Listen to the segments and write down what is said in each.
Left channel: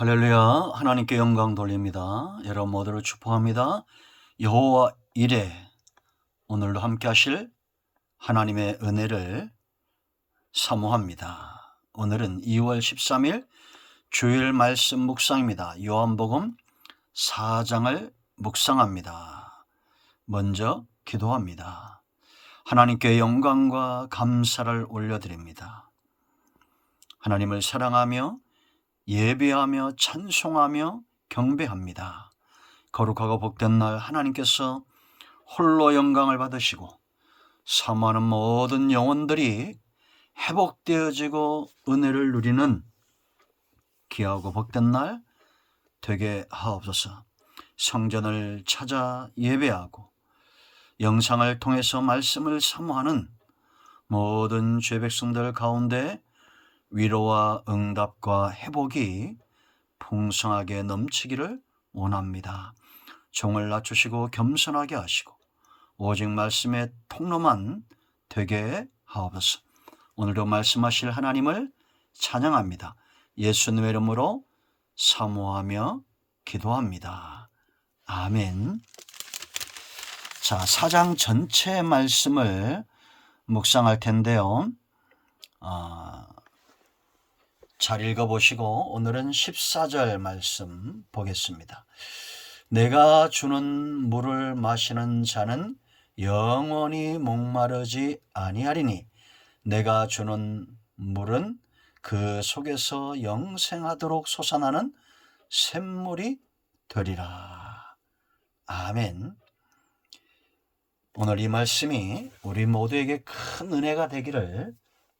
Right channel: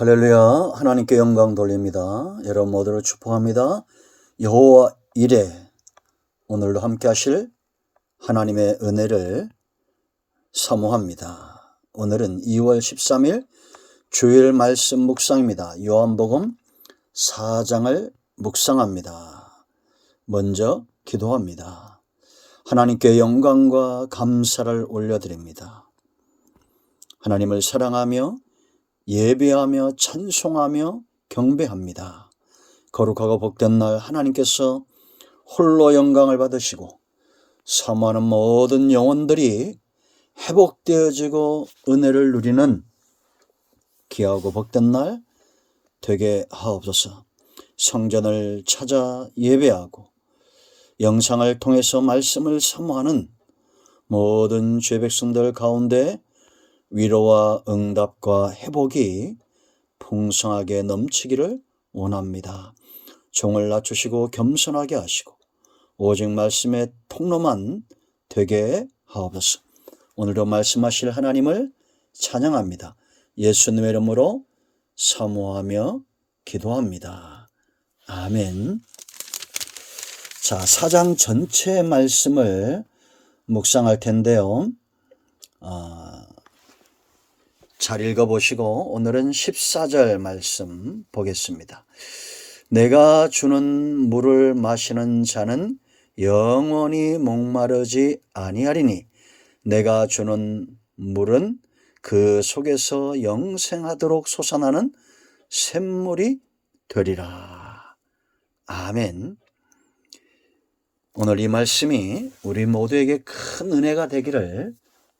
할렐루야. 하나님께 영광 돌립니다. 여러분 모두를 축복합니다. 여호와 이레, 오늘도 함께 하실 하나님의 은혜를 사모합니다. 오늘은 2월 13일 주일 말씀 묵상입니다. 요한복음 4장을 묵상합니다. 먼저 기도합니다. 하나님께 영광과 감사를 올려드립니다. 하나님을 사랑하며 예배하며 찬송하며 경배합니다. 거룩하고 복된 날 하나님께서 홀로 영광을 받으시고 사모하는 모든 영혼들이 회복되어지고 은혜를 누리는 귀하고 복된 날 되게 하옵소서. 성전을 찾아 예배하고 영상을 통해서 말씀을 사모하는 모든 죄 백성들 가운데 위로와 응답과 회복이 풍성하게 넘치기를 원합니다. 종을 낮추시고 겸손하게 하시고 오직 말씀의 통로만 되게 하옵소서. 오늘도 말씀하실 하나님을 찬양합니다. 예수님의 이름으로 사모하며 기도합니다. 아멘. 자, 4장 전체의 말씀을 묵상할 텐데요. 잘 읽어보시고 오늘은 14절 말씀 보겠습니다. 내가 주는 물을 마시는 자는 영원히 목마르지 아니하리니 내가 주는 물은 그 속에서 영생하도록 솟아나는 샘물이 되리라. 아멘. 오늘 이 말씀이 우리 모두에게 큰 은혜가 되기를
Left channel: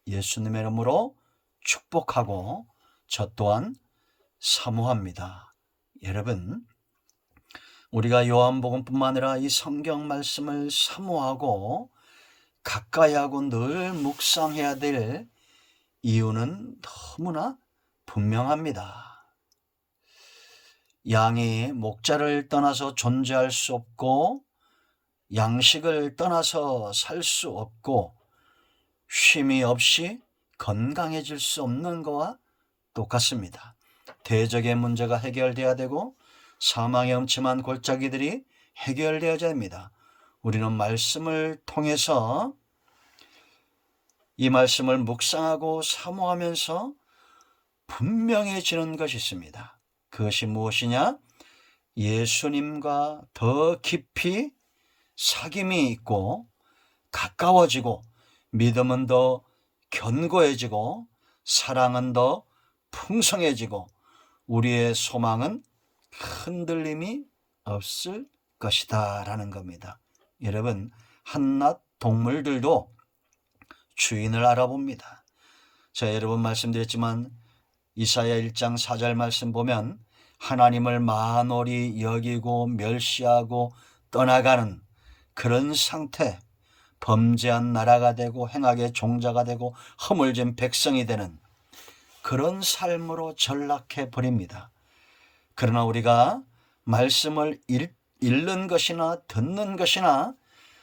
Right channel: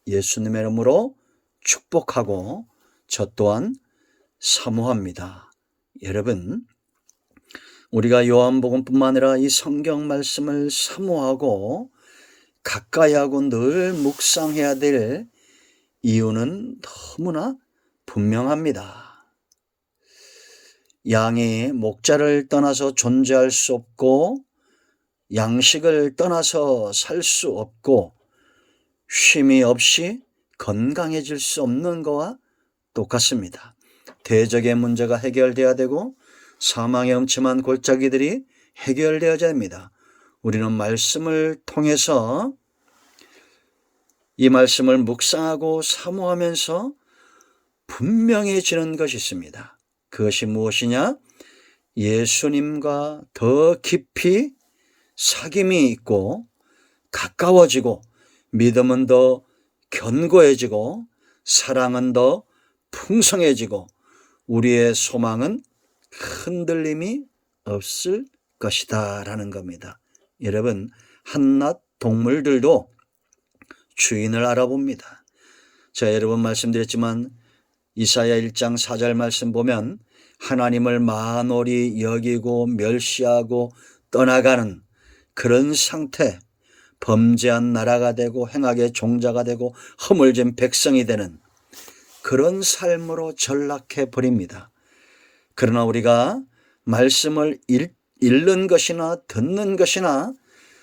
예수님의 이름으로 축복하고 저 또한 사모합니다. 여러분, 우리가 요한복음뿐만 아니라 이 성경 말씀을 사모하고 가까이 하고 늘 묵상해야 될 이유는 너무나 분명합니다. 양이 목자를 떠나서 존재할 수 없고 양식을 떠나서 살 수 없고 쉼이 없이 건강해질 수 없는 것과 똑같습니다. 대적의 문제가 해결돼야 되고 사망의 음침한 골짜기들이 해결되어야 됩니다. 우리는 말씀을 통해서 이 말씀을 묵상하고 사모하면서 분명해지는 것이 있습니다. 그것이 무엇이냐? 예수님과 더 깊이 사귐이 있고 가까워지고 믿음은 더 견고해지고 사랑은 더 풍성해지고 우리의 소망은 흔들림이 없을 것이다 라는 겁니다. 여러분, 한낱 동물들도 주인을 알아봅니다. 제가 여러 번 말씀드렸지만 이사야 1장 4절 말씀 보면 하나님을 만홀히 여기고 멸시하고 떠나가는 그런 상태, 범죄한 나라가 되고 행악의 종자가 되고 허물진 백성이 되는 그런 삶으로 전락해 버립니다. 그러나 우리가 말씀을 읽는 것이나 듣는 것이나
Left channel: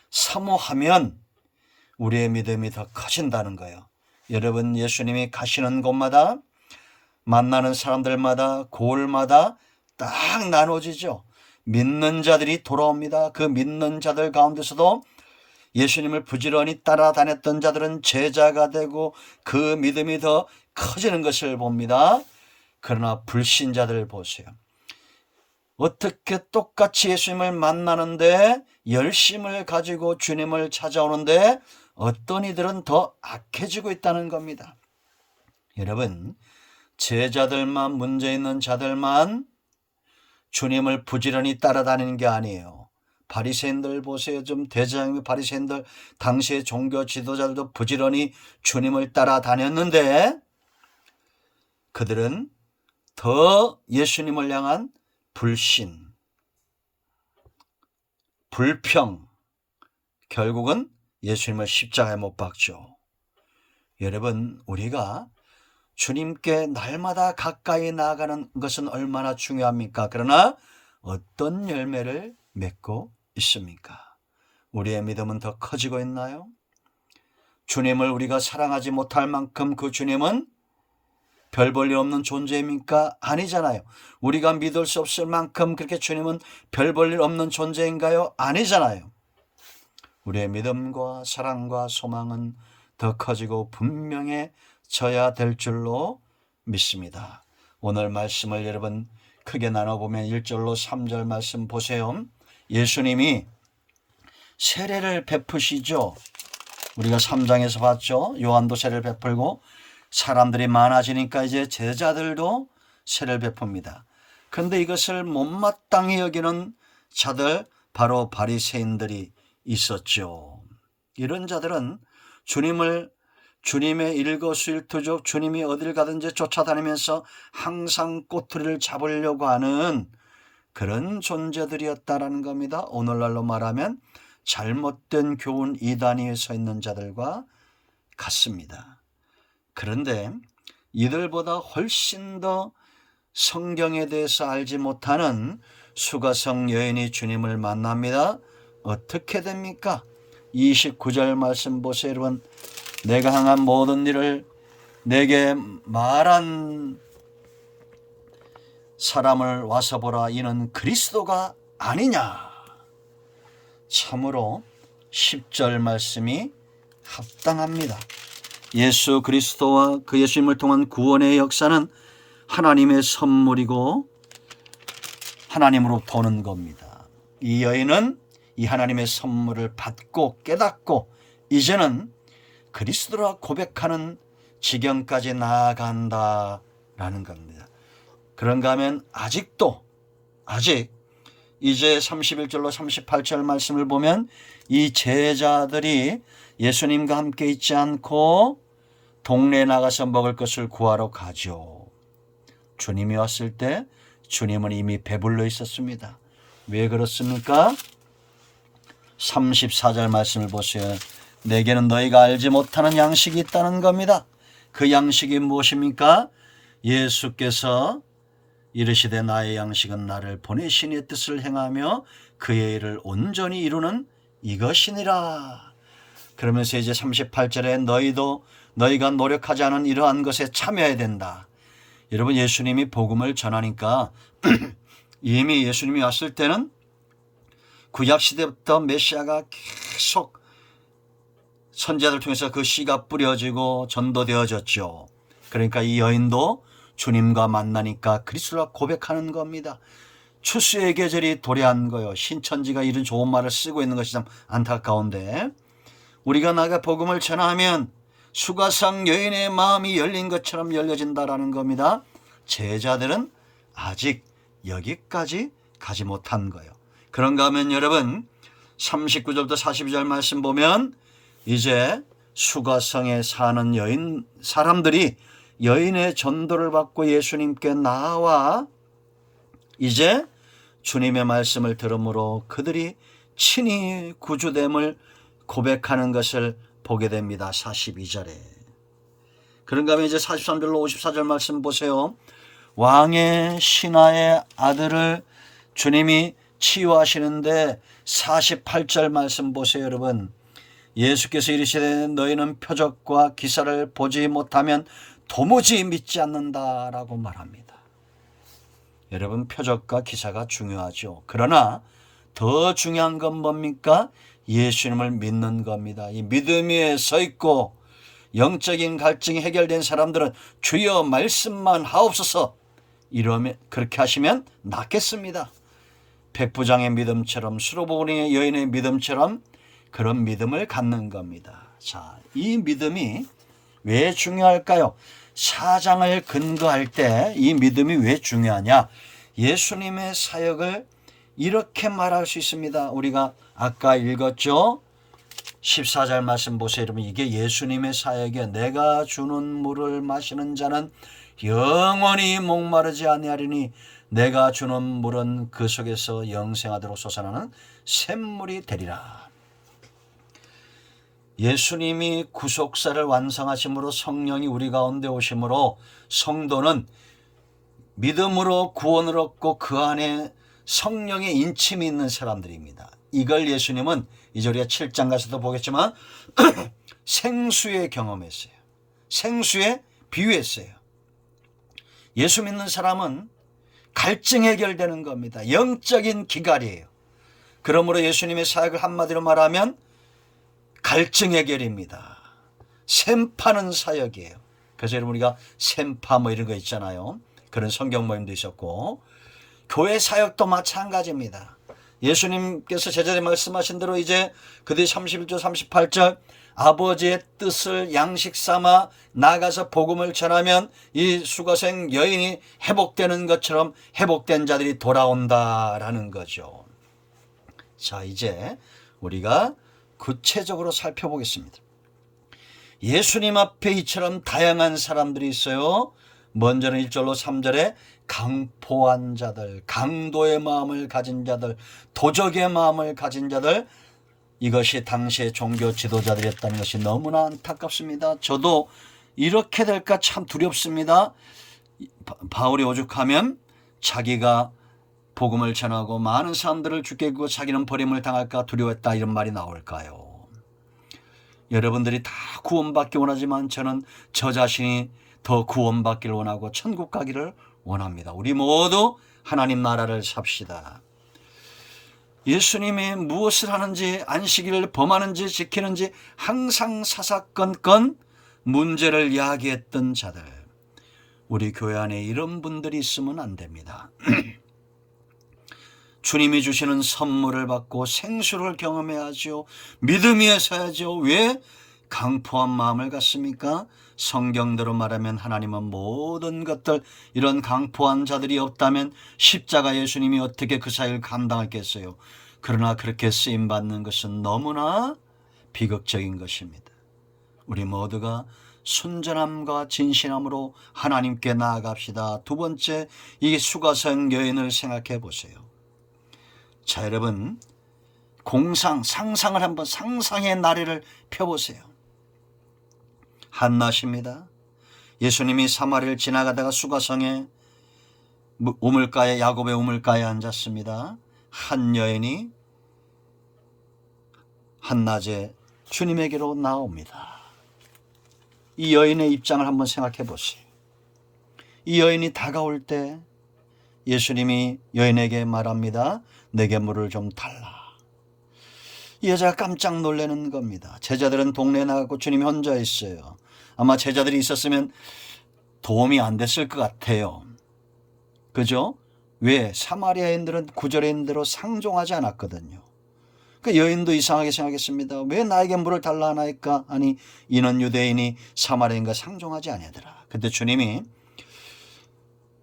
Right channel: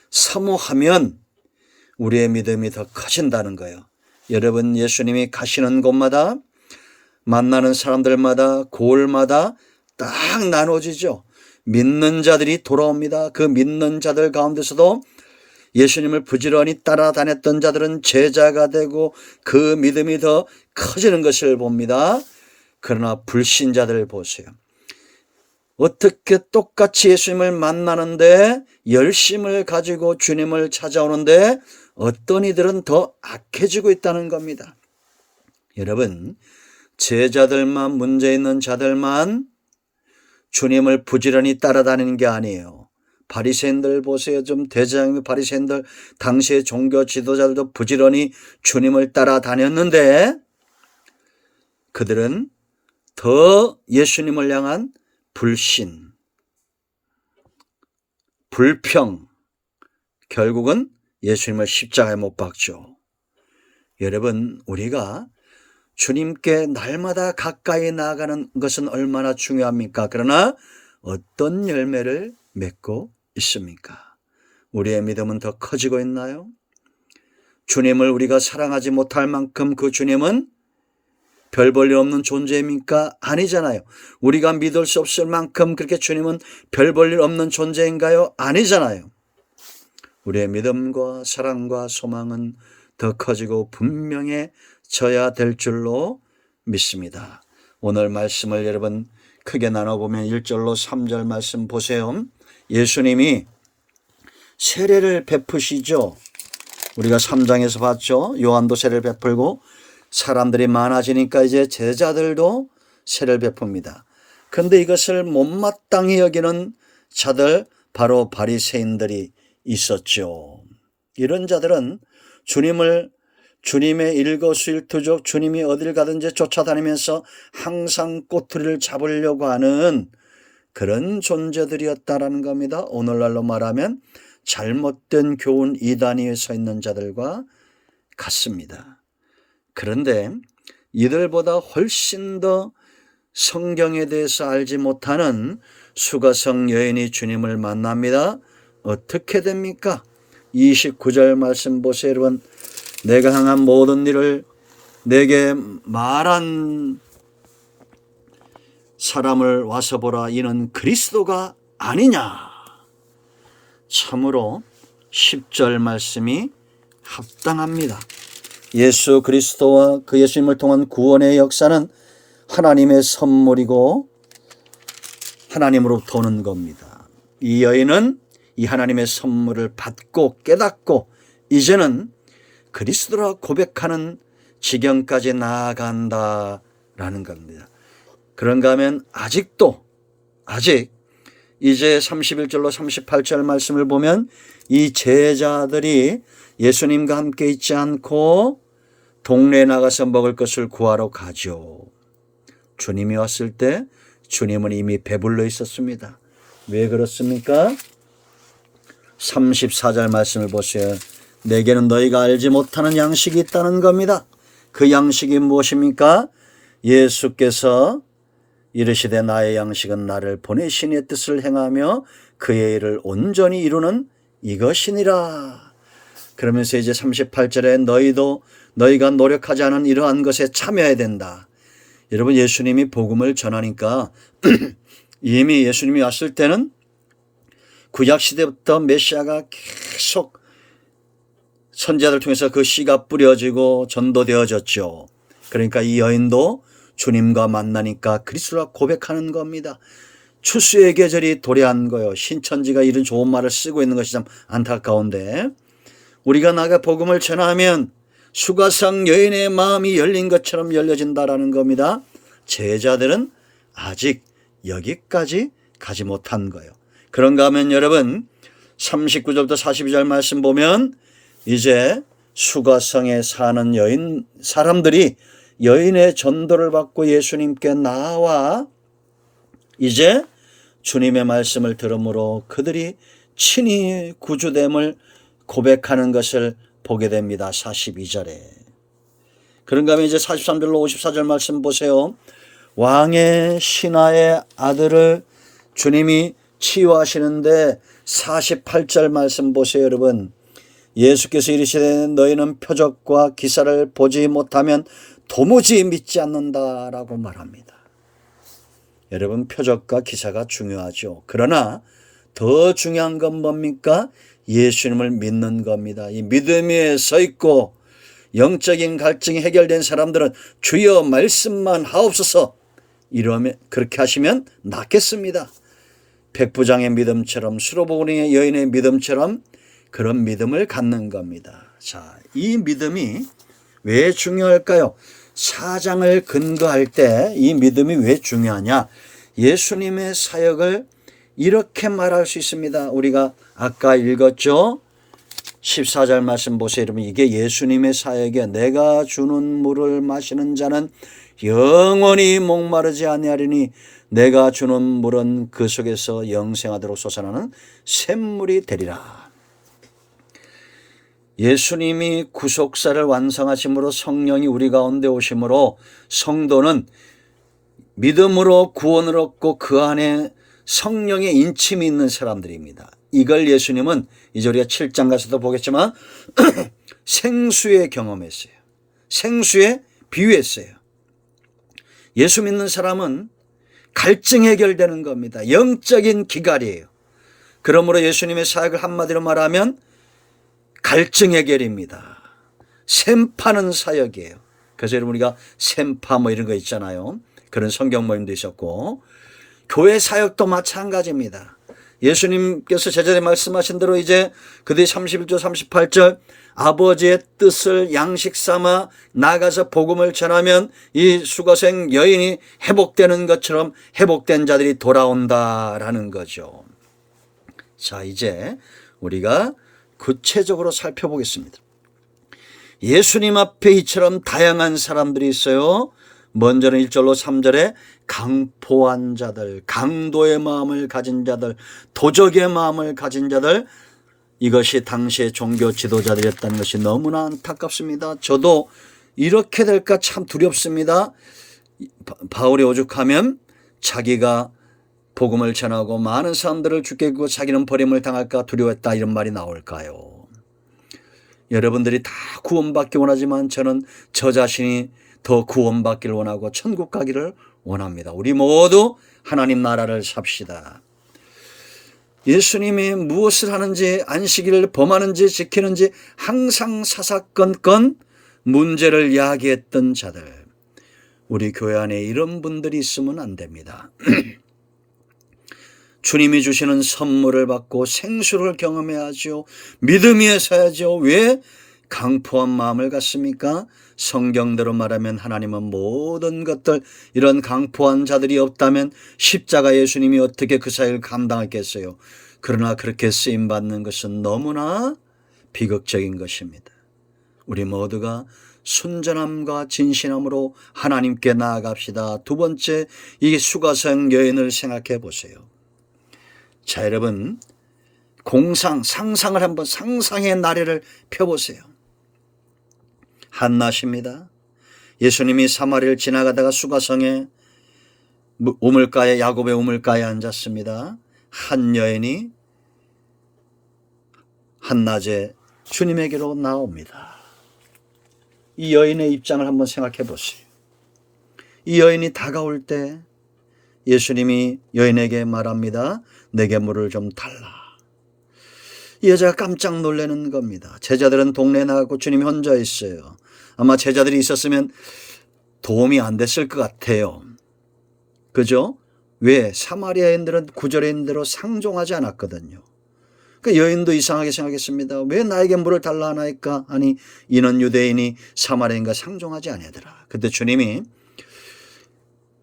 사모하면 우리의 믿음이 더 커진다는 거예요. 여러분, 예수님이 가시는 곳마다 만나는 사람들마다 고을마다 딱 나눠지죠. 믿는 자들이 돌아옵니다. 그 믿는 자들 가운데서도 예수님을 부지런히 따라다녔던 자들은 제자가 되고 그 믿음이 더 커지는 것을 봅니다. 그러나 불신자들 보세요. 어떻게 똑같이 예수님을 만나는데 열심을 가지고 주님을 찾아오는데 어떤 이들은 더 악해지고 있다는 겁니다. 여러분, 제자들만 문제 있는 자들만 주님을 부지런히 따라다니는 게 아니에요. 바리새인들 보세요. 좀 대제사장님 바리새인들 당시의 종교 지도자들도 부지런히 주님을 따라다녔는데 그들은 더 예수님을 향한 불신, 불평, 결국은 예수님을 십자가에 못 박죠. 여러분, 우리가 주님께 날마다 가까이 나아가는 것은 얼마나 중요합니까? 그러나 어떤 열매를 맺고 있습니까? 우리의 믿음은 더 커지고 있나요? 주님을 우리가 사랑하지 못할 만큼 그 주님은 별 볼 일 없는 존재입니까? 아니잖아요. 우리가 믿을 수 없을 만큼 그렇게 주님은 별 볼 일 없는 존재인가요? 아니잖아요. 우리의 믿음과 사랑과 소망은 더 커지고 분명해져야 될 줄로 믿습니다. 오늘 말씀을 여러분 크게 나눠보면 1절로 3절 말씀 보세요. 예수님이 세례를 베푸시죠. 우리가 3장에서 봤죠. 요한도 세례를 베풀고 사람들이 많아지니까 이제 제자들도 세례를 베풉니다. 그런데 이것을 못마땅히 여기는 자들, 바로 바리새인들이 있었죠. 이런 자들은 주님의 일거수일투족, 주님이 어딜 가든지 쫓아다니면서 항상 꼬투리를 잡으려고 하는 그런 존재들이었다라는 겁니다. 오늘날로 말하면 잘못된 교훈 이단위에 서 있는 자들과 같습니다. 그런데 이들보다 훨씬 더 성경에 대해서 알지 못하는 수가성 여인이 주님을 만납니다. 어떻게 됩니까? 29절 말씀 보세요. 여러분, 내가 행한 모든 일을 내게 말한 사람을 와서 보라. 이는 그리스도가 아니냐. 참으로 10절 말씀이 합당합니다. 예수 그리스도와 그 예수님을 통한 구원의 역사는 하나님의 선물이고 하나님으로부터 오는 겁니다. 이 여인은 이 하나님의 선물을 받고 깨닫고 이제는 그리스도라 고백하는 지경까지 나아간다라는 겁니다. 그런가 하면 아직 이제 31절로 38절 말씀을 보면 이 제자들이 예수님과 함께 있지 않고 동네에 나가서 먹을 것을 구하러 가죠. 주님이 왔을 때 주님은 이미 배불러 있었습니다. 왜 그렇습니까? 34절 말씀을 보세요. 내게는 너희가 알지 못하는 양식이 있다는 겁니다. 그 양식이 무엇입니까? 예수께서 이르시되 나의 양식은 나를 보내신 이의 뜻을 행하며 그의 일을 온전히 이루는 이것이니라. 그러면서 이제 38절에 너희가 노력하지 않은 이러한 것에 참여해야 된다. 여러분, 예수님이 복음을 전하니까 이미 예수님이 왔을 때는 구약시대부터 메시아가 계속 선지자들 통해서 그 씨가 뿌려지고 전도되어졌죠. 그러니까 이 여인도 주님과 만나니까 그리스도라 고백하는 겁니다. 추수의 계절이 도래한 거요. 신천지가 이런 좋은 말을 쓰고 있는 것이 참 안타까운데, 우리가 나가 복음을 전하면 수가성 여인의 마음이 열린 것처럼 열려진다라는 겁니다. 제자들은 아직 여기까지 가지 못한 거예요. 그런가 하면 여러분 39절부터 42절 말씀 보면 이제 수가성에 사는 사람들이 여인의 전도를 받고 예수님께 나와 이제 주님의 말씀을 들음으로 그들이 친히 구주됨을 고백하는 것을 보게 됩니다. 42절에. 그런가 하면 이제 43절로 54절 말씀 보세요. 왕의 신하의 아들을 주님이 치유하시는데 48절 말씀 보세요. 여러분, 예수께서 이르시되 너희는 표적과 기사를 보지 못하면 도무지 믿지 않는다라고 말합니다. 여러분, 표적과 기사가 중요하죠. 그러나 더 중요한 건 뭡니까? 예수님을 믿는 겁니다. 이 믿음 위에 서 있고 영적인 갈증이 해결된 사람들은 주여 말씀만 하옵소서 이러면, 그렇게 하시면 낫겠습니다. 백부장의 믿음처럼, 수로보니의 여인의 믿음처럼 그런 믿음을 갖는 겁니다. 자, 이 믿음이 왜 중요할까요? 사장을 근거할 때 이 믿음이 왜 중요하냐? 예수님의 사역을 이렇게 말할 수 있습니다. 우리가 아까 읽었죠? 14절 말씀 보세요. 여러분, 이게 예수님의 사역이에요. 내가 주는 물을 마시는 자는 영원히 목마르지 아니하리니 내가 주는 물은 그 속에서 영생하도록 솟아나는 샘물이 되리라. 예수님이 구속사를 완성하심으로 성령이 우리 가운데 오심으로 성도는 믿음으로 구원을 얻고 그 안에 성령의 인침이 있는 사람들입니다. 이걸 예수님은 이제 우리가 7장 가서도 보겠지만 생수에 경험했어요. 생수에 비유했어요. 예수 믿는 사람은 갈증 해결되는 겁니다. 영적인 기갈이에요. 그러므로 예수님의 사역을 한마디로 말하면 갈증 해결입니다. 샘 파는 사역이에요. 그래서 여러분 우리가 샘파 뭐 이런 거 있잖아요. 그런 성경 모임도 있었고, 교회 사역도 마찬가지입니다. 예수님께서 제자들이 말씀하신 대로 이제 그들이 31절 38절 아버지의 뜻을 양식 삼아 나가서 복음을 전하면 이 수고생 여인이 회복되는 것처럼 회복된 자들이 돌아온다라는 거죠. 자, 이제 우리가 구체적으로 살펴보겠습니다. 예수님 앞에 이처럼 다양한 사람들이 있어요. 먼저는 1절로 3절에 강포한 자들, 강도의 마음을 가진 자들, 도적의 마음을 가진 자들, 이것이 당시의 종교 지도자들이었다는 것이 너무나 안타깝습니다. 저도 이렇게 될까 참 두렵습니다. 바울이 오죽하면 자기가 복음을 전하고 많은 사람들을 죽게 하고 자기는 버림을 당할까 두려웠다 이런 말이 나올까요? 여러분들이 다 구원받기 원하지만 저는 저 자신이 더 구원받기를 원하고 천국 가기를 원합니다. 우리 모두 하나님 나라를 삽시다. 예수님이 무엇을 하는지, 안식일을 범하는지 지키는지 항상 사사건건 문제를 야기했던 자들, 우리 교회 안에 이런 분들이 있으면 안 됩니다. 주님이 주시는 선물을 받고 생수를 경험해야죠. 믿음 위에 서야죠. 왜 강포한 마음을 갖습니까? 성경대로 말하면 하나님은 모든 것들, 이런 강포한 자들이 없다면 십자가 예수님이 어떻게 그 사역을 감당했겠어요. 그러나 그렇게 쓰임받는 것은 너무나 비극적인 것입니다. 우리 모두가 순전함과 진실함으로 하나님께 나아갑시다. 두 번째, 이 수가성 여인을 생각해 보세요. 자, 여러분, 상상을 한번 상상의 나래를 펴보세요. 한낮입니다. 예수님이 사마리를 지나가다가 수가성의 우물가에, 야곱의 우물가에 앉았습니다. 한 여인이 한낮에 주님에게로 나옵니다. 이 여인의 입장을 한번 생각해 보세요. 이 여인이 다가올 때 예수님이 여인에게 말합니다. 내게 물을 좀 달라. 이 여자가 깜짝 놀라는 겁니다. 제자들은 동네에 나가고 주님이 혼자 있어요. 아마 제자들이 있었으면 도움이 안 됐을 것 같아요. 그죠? 왜? 사마리아인들은 구절에 있는 대로 상종하지 않았거든요. 그 여인도 이상하게 생각했습니다. 왜 나에게 물을 달라 하나이까? 아니, 이는 유대인이 사마리아인과 상종하지 아니하더라. 그때 주님이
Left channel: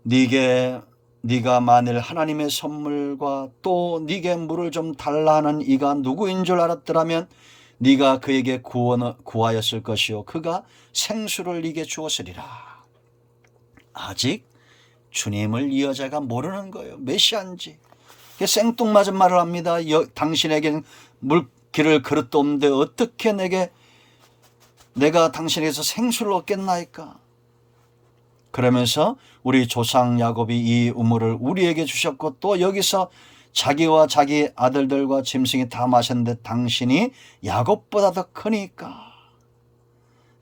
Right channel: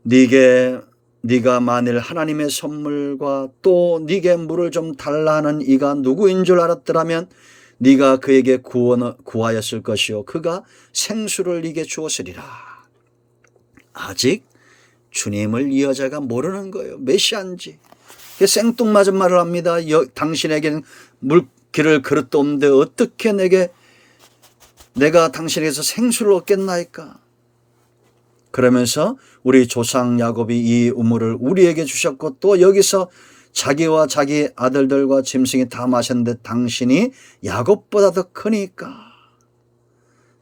네가 만일 하나님의 선물과 또 네게 물을 좀 달라 하는 이가 누구인 줄 알았더라면 네가 그에게 구하였을 것이요 그가 생수를 네게 주었으리라. 아직 주님을 이 여자가 모르는 거예요. 메시아인지. 생뚱맞은 말을 합니다. 당신에게는 물기를 그릇도 없는데 어떻게 내가 당신에게서 생수를 얻겠나이까? 그러면서 우리 조상 야곱이 이 우물을 우리에게 주셨고 또 여기서 자기와 자기 아들들과 짐승이 다 마셨는데 당신이 야곱보다 더 크니까.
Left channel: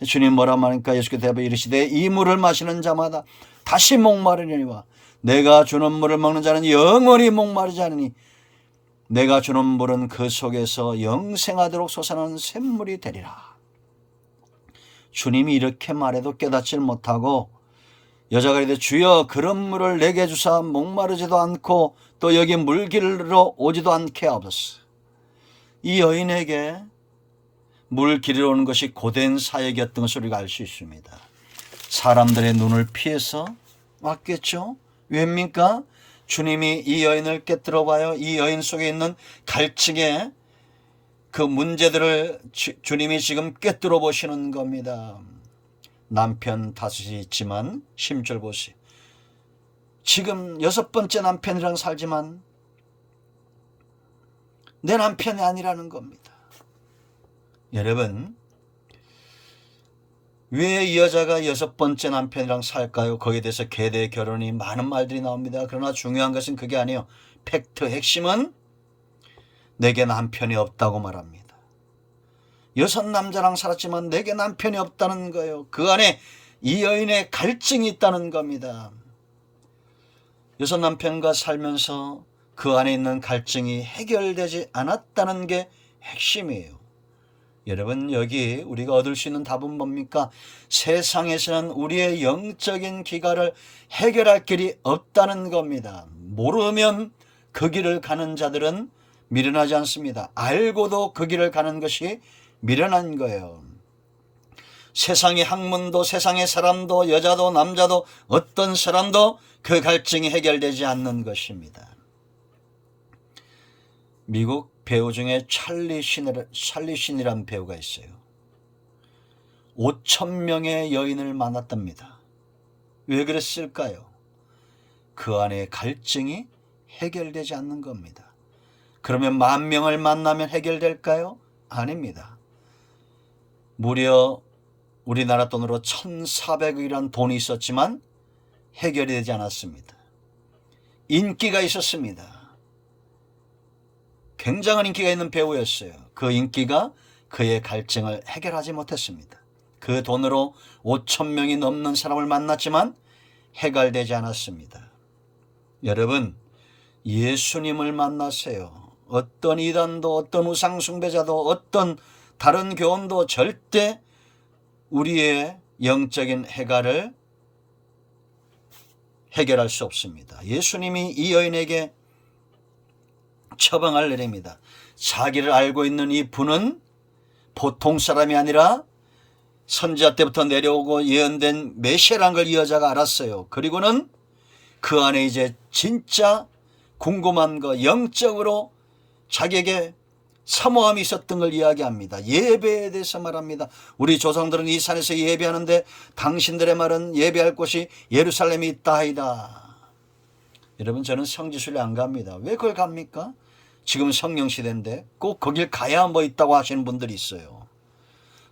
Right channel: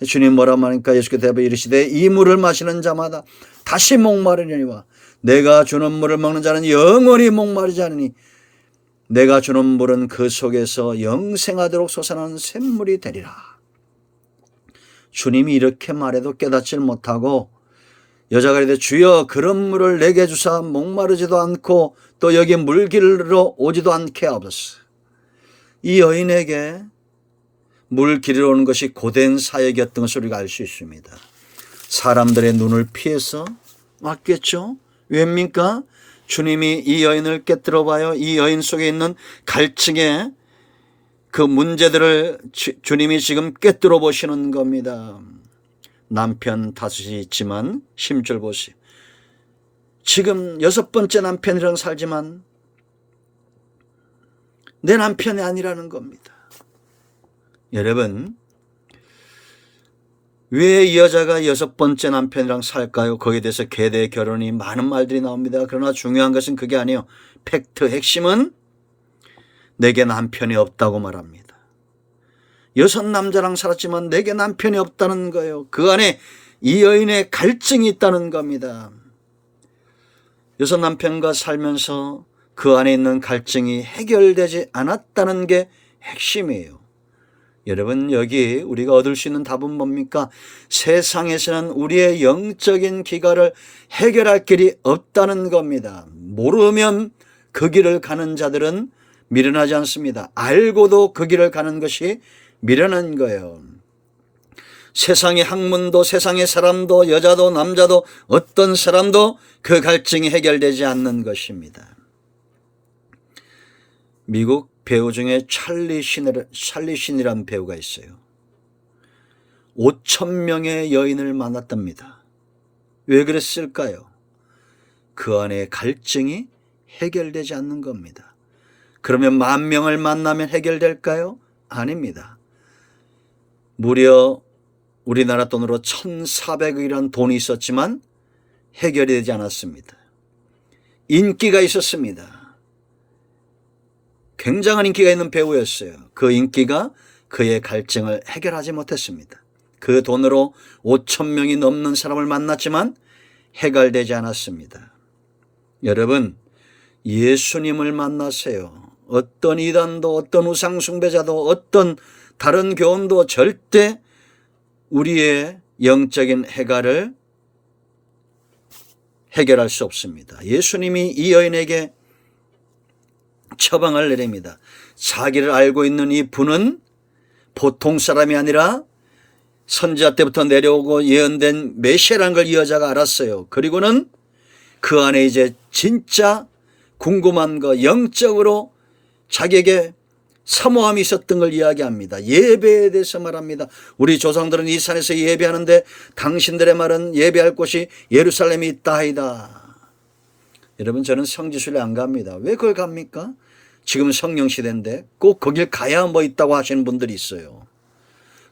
주님 뭐라 말하니까 예수께서 대답하여 이르시되 이 물을 마시는 자마다 다시 목마르려니와 내가 주는 물을 먹는 자는 영원히 목마르지 않으니 내가 주는 물은 그 속에서 영생하도록 솟아나는 샘물이 되리라. 주님이 이렇게 말해도 깨닫질 못하고 여자가 이르되 주여 그런 물을 내게 주사 목마르지도 않고 또 여기 물길로 오지도 않게 하옵소서. 이 여인에게 물 기르러 오는 것이 고된 사역이었던 것을 우리가 알 수 있습니다. 사람들의 눈을 피해서 왔겠죠. 왜입니까? 주님이 이 여인을 깨뜨려 봐요. 이 여인 속에 있는 갈증의 그 문제들을 주님이 지금 깨뜨려 보시는 겁니다. 남편 다섯이 있지만 10절 보세요. 지금 6번째 남편이랑 살지만 내 남편이 아니라는 겁니다. 여러분, 왜 이 여자가 6번째 남편이랑 살까요? 거기에 대해서 계대 결혼이 많은 말들이 나옵니다. 그러나 중요한 것은 그게 아니에요. 팩트, 핵심은 내게 남편이 없다고 말합니다. 6 남자랑 살았지만 내게 남편이 없다는 거예요. 그 안에 이 여인의 갈증이 있다는 겁니다. 여섯 남편과 살면서 그 안에 있는 갈증이 해결되지 않았다는 게 핵심이에요. 여러분, 여기 우리가 얻을 수 있는 답은 뭡니까? 세상에서는 우리의 영적인 기갈을 해결할 길이 없다는 겁니다. 모르면 그 길을 가는 자들은 미련하지 않습니다. 알고도 그 길을 가는 것이 미련한 거예요. 세상의 학문도, 세상의 사람도, 여자도 남자도, 어떤 사람도 그 갈증이 해결되지 않는 것입니다. 미국 배우 중에 찰리 신이라는 배우가 있어요. 5,000명의 여인을 만났답니다. 왜 그랬을까요? 그 안에 갈증이 해결되지 않는 겁니다. 그러면 10,000명을 만나면 해결될까요? 아닙니다. 무려 우리나라 돈으로 1,400억이라는 돈이 있었지만 해결이 되지 않았습니다. 인기가 있었습니다. 굉장한 인기가 있는 배우였어요. 그 인기가 그의 갈증을 해결하지 못했습니다. 그 돈으로 5,000명이 넘는 사람을 만났지만 해결되지 않았습니다. 여러분, 예수님을 만나세요. 어떤 이단도, 어떤 우상숭배자도, 어떤 다른 교훈도 절대 우리의 영적인 해갈을 해결할 수 없습니다. 예수님이 이 여인에게 처방을 내립니다. 자기를 알고 있는 이 분은 보통 사람이 아니라 선지자 때부터 내려오고 예언된 메시아라는 걸 이 여자가 알았어요. 그리고는 그 안에 이제 진짜 궁금한 거, 영적으로 자기에게 사모함이 있었던 걸 이야기합니다. 예배에 대해서 말합니다. 우리 조상들은 이 산에서 예배하는데 당신들의 말은 예배할 곳이 예루살렘이 있다 하이다. 여러분, 저는 성지순례 안 갑니다. 왜 그걸 갑니까? 지금 성령 시대인데 꼭 거길 가야 뭐 있다고 하시는 분들이 있어요.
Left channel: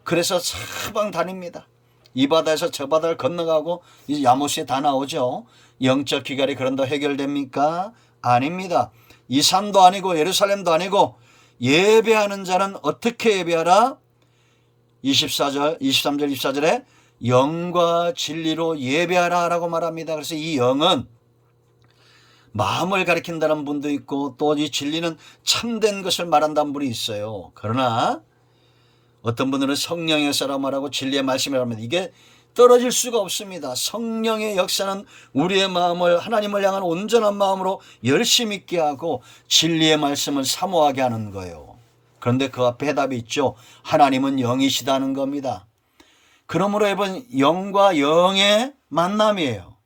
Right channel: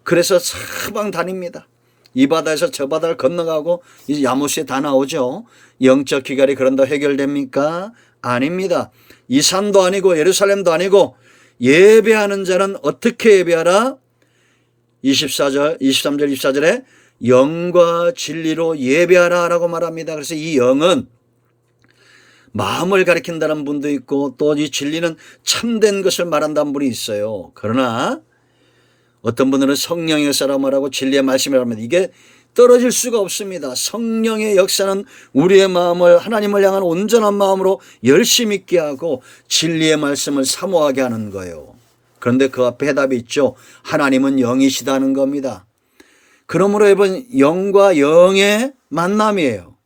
그래서 사방 다닙니다. 이 바다에서 저 바다를 건너가고 이제 야모스에 다 나오죠. 영적 기갈이 그런다 해결됩니까? 아닙니다. 이 산도 아니고 예루살렘도 아니고 예배하는 자는 어떻게 예배하라? 23절 24절에 영과 진리로 예배하라 라고 말합니다. 그래서 이 영은 마음을 가리킨다는 분도 있고 또 이 진리는 참된 것을 말한다는 분이 있어요. 그러나 어떤 분들은 성령의 역사라 말하고 진리의 말씀이라고 합니다. 이게 떨어질 수가 없습니다. 성령의 역사는 우리의 마음을 하나님을 향한 온전한 마음으로 열심 있게 하고 진리의 말씀을 사모하게 하는 거예요. 그런데 그 앞에 해답이 있죠. 하나님은 영이시다는 겁니다. 그러므로 여러분, 영과 영의 만남이에요.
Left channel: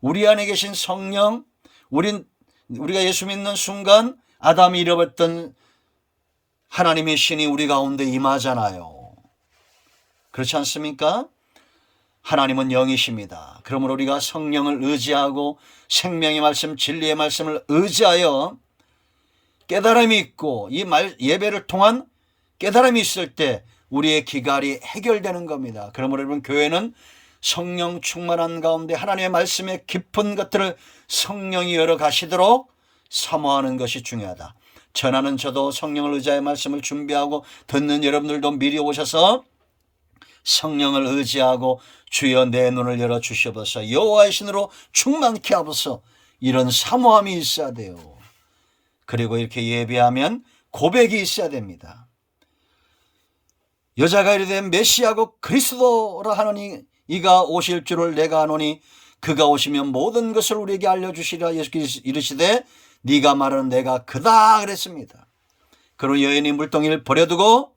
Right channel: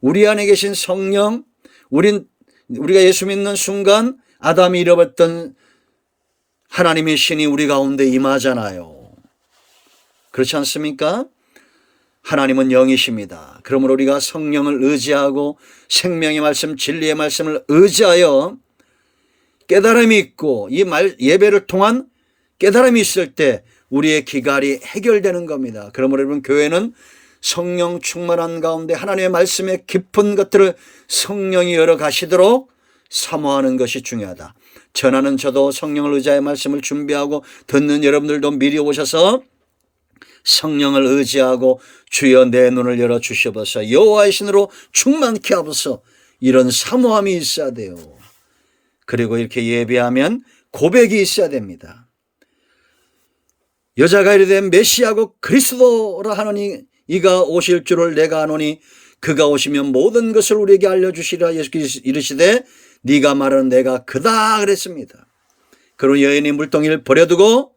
우리 안에 계신 성령, 우리가 예수 믿는 순간 아담이 잃어버렸던 하나님의 신이 우리 가운데 임하잖아요. 그렇지 않습니까? 하나님은 영이십니다. 그러므로 우리가 성령을 의지하고 생명의 말씀, 진리의 말씀을 의지하여 깨달음이 있고 이 예배를 통한 깨달음이 있을 때 우리의 기갈이 해결되는 겁니다. 그러므로 여러분, 교회는 성령 충만한 가운데 하나님의 말씀의 깊은 것들을 성령이 열어가시도록 사모하는 것이 중요하다. 전하는 저도 성령을 의지하여 말씀을 준비하고 듣는 여러분들도 미리 오셔서 성령을 의지하고 주여 내 눈을 열어 주시옵소서, 여호와의 신으로 충만케 하소서, 이런 사모함이 있어야 돼요. 그리고 이렇게 예배하면 고백이 있어야 됩니다. 여자가 이르되 메시아고 그리스도라 하노니 이가 오실 줄을 내가 아노니 그가 오시면 모든 것을 우리에게 알려주시리라. 예수께서 이르시되 네가 말하는 내가 그다 그랬습니다. 그리고 여인이 물동이를 버려두고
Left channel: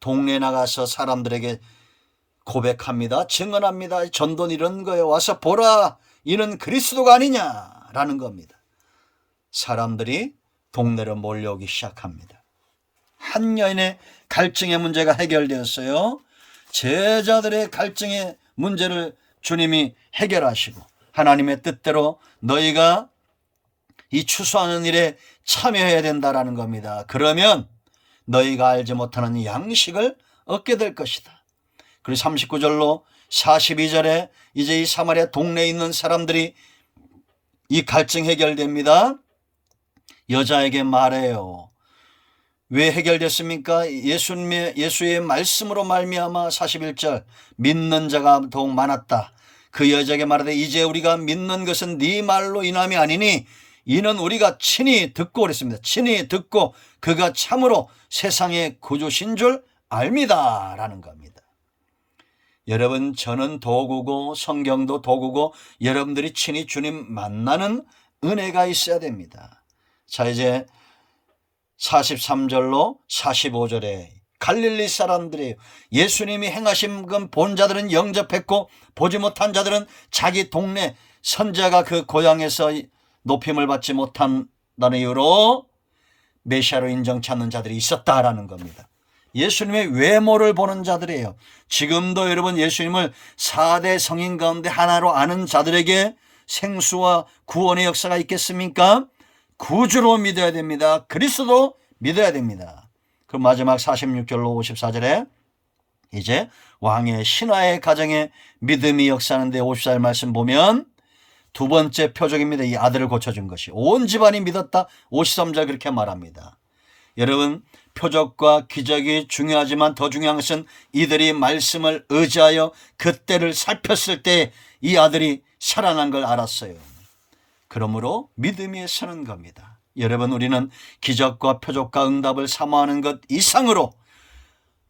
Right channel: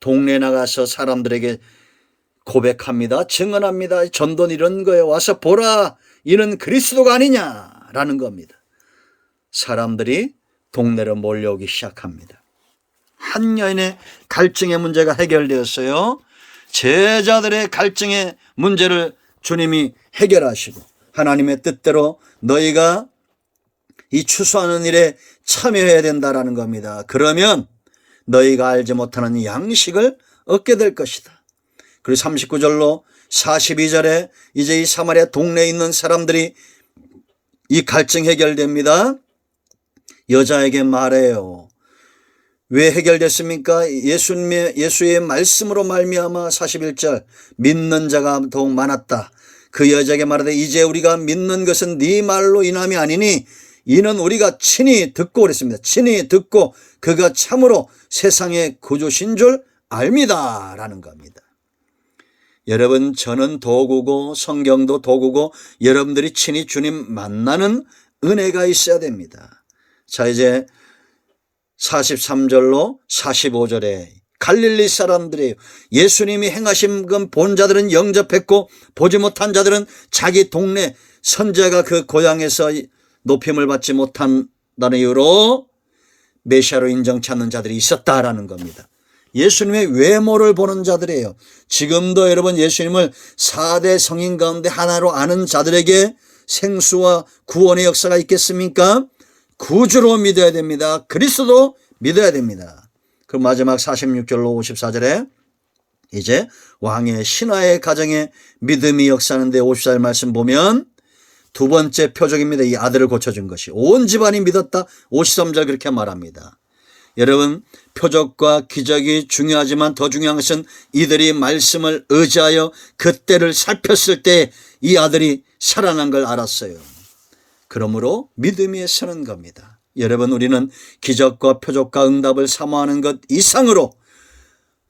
동네에 나가서 사람들에게 고백합니다. 증언합니다. 전도는 이런 거예요. 와서 보라, 이는 그리스도가 아니냐라는 겁니다. 사람들이 동네로 몰려오기 시작합니다. 한 여인의 갈증의 문제가 해결되었어요. 제자들의 갈증의 문제를 주님이 해결하시고 하나님의 뜻대로 너희가 이 추수하는 일에 참여해야 된다라는 겁니다. 그러면 너희가 알지 못하는 양식을 얻게 될 것이다. 그리고 39절로 42절에 이제 이 사마리아 동네에 있는 사람들이 이 갈증 해결됩니다. 여자에게 말해요. 왜 해결됐습니까? 예수의 말씀으로 말미암아 41절 믿는 자가 더욱 많았다. 그 여자에게 말하되 이제 우리가 믿는 것은 네 말로 인함이 아니니 이는 우리가 친히 듣고 그랬습니다. 친히 듣고 그가 참으로 세상의 구주신 줄 압니다 라는 겁니다. 여러분, 저는 도구고 성경도 도구고 여러분들이 친히 주님 만나는 은혜가 있어야 됩니다. 자, 이제 43절로 45절에 갈릴리 사람들이에요. 예수님이 행하신 건 본 자들은 영접했고 보지 못한 자들은 자기 동네 선지자가 그 고향에서 높임을 받지 못한다는 이유로 메시아로 인정치 않는 자들이 있었다라는 겁니다. 예수님의 외모를 보는 자들이에요. 지금도 여러분 예수님을 4대 성인 가운데 하나로 아는 자들에게 생수와 구원의 역사가 있겠습니까? 구주로 믿어야 됩니다. 그리스도로 믿어야 됩니다. 그럼 마지막 46절로 54절에 이제 왕의 신하의 가정에 믿음이 역사하는데 54절 말씀 보면 두 번째 표적입니다. 이 아들을 고쳐준 것이 온 집안이 믿었다. 53절 그렇게 말합니다. 여러분, 표적과 기적이 중요하지만 더 중요한 것은 이들이 말씀을 의지하여 그때를 살폈을 때 이 아들이 살아난 걸 알았어요. 그러므로 믿음에 서는 겁니다. 여러분, 우리는 기적과 표적과 응답을 사모하는 것 이상으로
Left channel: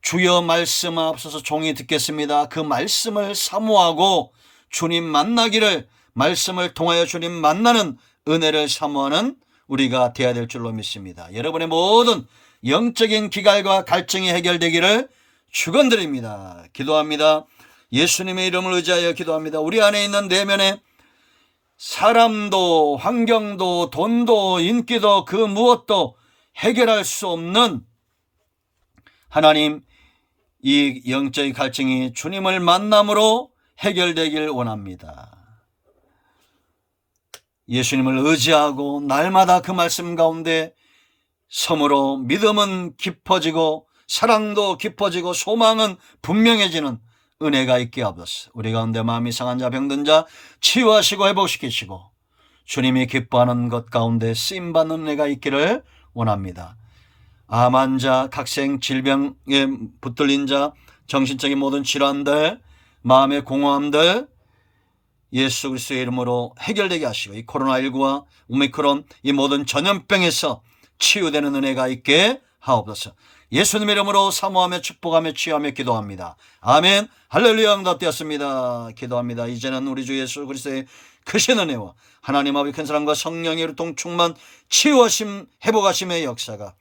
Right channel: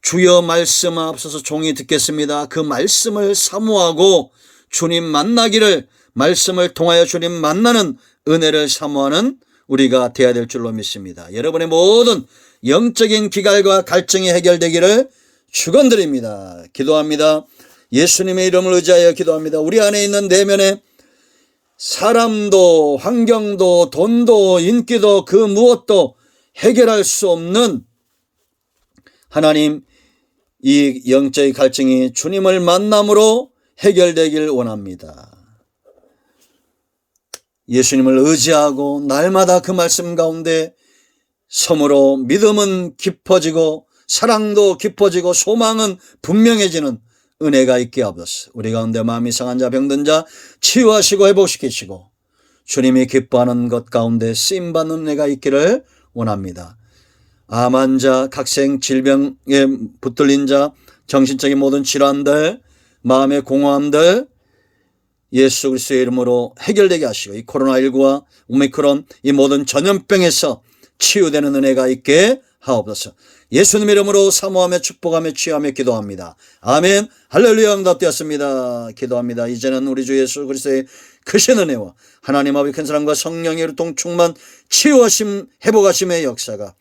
주여 말씀하옵소서 종이 듣겠습니다. 그 말씀을 사모하고 주님 만나기를, 말씀을 통하여 주님 만나는 은혜를 사모하는 우리가 되어야 될 줄로 믿습니다. 여러분의 모든 영적인 기갈과 갈증이 해결되기를 축원드립니다. 기도합니다. 예수님의 이름을 의지하여 기도합니다. 우리 안에 있는 내면에 사람도 환경도 돈도 인기도 그 무엇도 해결할 수 없는 하나님, 이 영적인 갈증이 주님을 만남으로 해결되길 원합니다. 예수님을 의지하고 날마다 그 말씀 가운데 섬으로 믿음은 깊어지고 사랑도 깊어지고 소망은 분명해지는 은혜가 있게 하옵소서. 우리 가운데 마음이 상한 자 병든 자 치유하시고 회복시키시고 주님이 기뻐하는 것 가운데 쓰임받는 은혜가 있기를 원합니다. 암 환자, 각생 질병에 붙들린 자, 정신적인 모든 질환들, 마음의 공허함들 예수 그리스도의 이름으로 해결되게 하시고 이 코로나19와 오미크론 이 모든 전염병에서 치유되는 은혜가 있게 하옵소서. 예수님의 이름으로 사모하며 축복하며 치유하며 기도합니다. 아멘. 할렐루야. 응답되었습니다. 기도합니다. 이제는 우리 주 예수 그리스도의 크신 은혜와 하나님 아버지 큰 사랑과 성령의 유통 충만 치유하심 회복하심의 역사가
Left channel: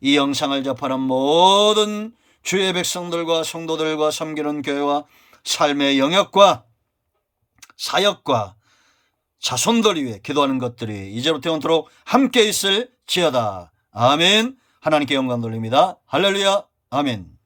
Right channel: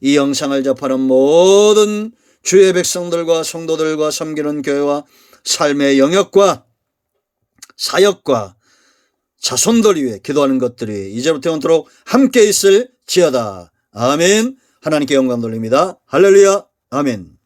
이 영상을 접하는 모든 주의 백성들과 성도들과 섬기는 교회와 삶의 영역과 사역과 자손들 위해 기도하는 것들이 이제부터 영원토록 함께 있을지어다. 아멘. 하나님께 영광 돌립니다. 할렐루야. 아멘.